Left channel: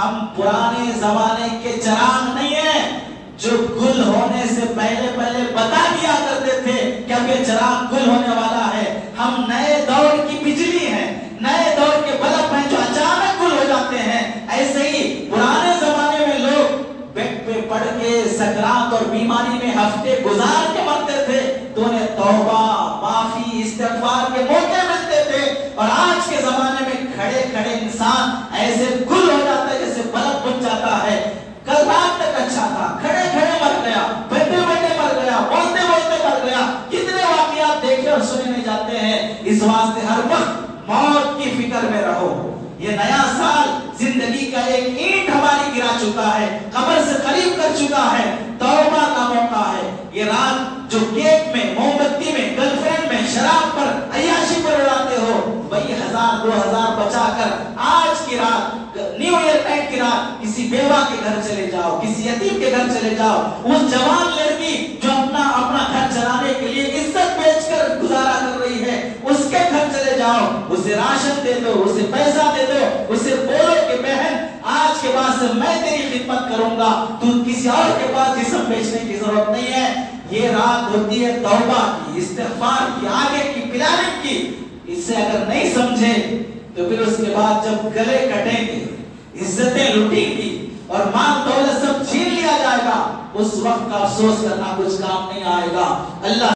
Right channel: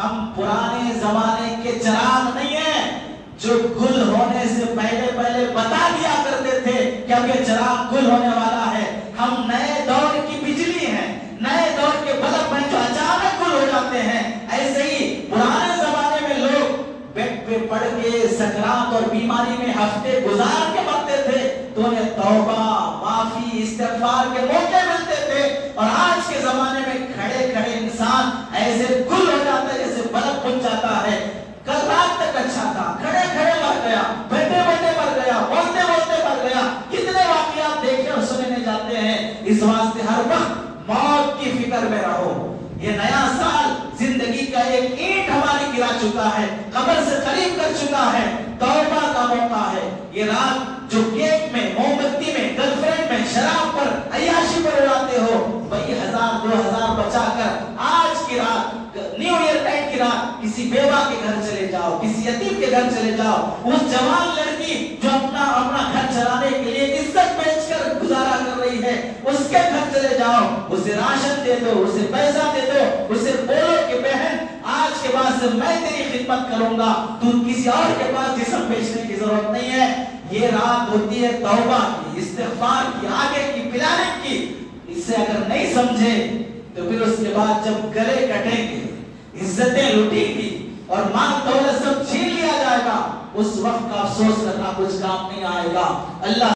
ہم پرانے زمانے کے چراغ نہیں ہیں جو گل ہونے سے پہلے بتا دیا کرتے تھے کہ اب یہ چراغ گل ہونے والا ہے. ہم نئے دور کی بجلی ہیں, نئے دور کے بلب ہیں جو اچانک گل ہو جاتے ہیں. ایسے ہی پرانے زمانے میں لوگ بیڈ پہ پڑ کے سکرات اور بیماری میں ہفتے گزار کے مرتے تھے تو انہیں توبہ, معافی, استغفار کے موقع ملتے تھے. اور آج کے زمانے میں کھڑے کھڑے انسان ایسے گل ہو جاتا ہے جیسے بلب بجھ جاتا ہے. کل رات تک اچھا تھا, کھڑے کھڑے مر گیا, بیٹھے بیٹھے مر گیا, بولتے بولتے مر گیا. کتنے واقعات دیکھے اور سنے نہیں جاتے ہیں. اس واسطے ہر وقت موت کی فکر میں رہو. یہ نیا سال زندگی کا ایک اینٹ ہماری گرا چکا ہے, قبر سے قریب کر چکا ہے. توبہ کا موقع ہے. یہ رات جو کیک میں, موم بتی میں, گرل فرینڈ میں, شراب پر, عیاشی پر اڑاتے ہو, وہی 1000-2000 بچا کر آج کی رات, نیو ایئر ٹائم کی رات, کسی بیوہ کے گھر چلے جاؤ, کسی یتیم کے گھر چلے جاؤ. وہ جوان لڑکی جو اپنا گھر چلانے کے لیے عزت بیچ کر گزارا کر رہی ہے, اس کے گھر چلے جاؤ, اسے راشن دے دو, اسے پیسہ دے دو, اسے بولو کہ بہن آج کے بعد سے میں تیری خدمت کروں گا, تو کسی اور کے پاس جسم بیچنے کی ضرورت نہیں ہے. یہ رات ہوتی ہے توبہ کی, استغفار کی, آگے کی, پلاننگ کی. اس سے اگر نہیں سمجھے تو پھر اس کے بعد جب گلے کٹیں گے, عزتیں لٹیں گی اور مال دولت سب چھین لیا جائے گا, اس وقت کا افسوس کرنا کچھ کام نہیں آئے گا. اللہ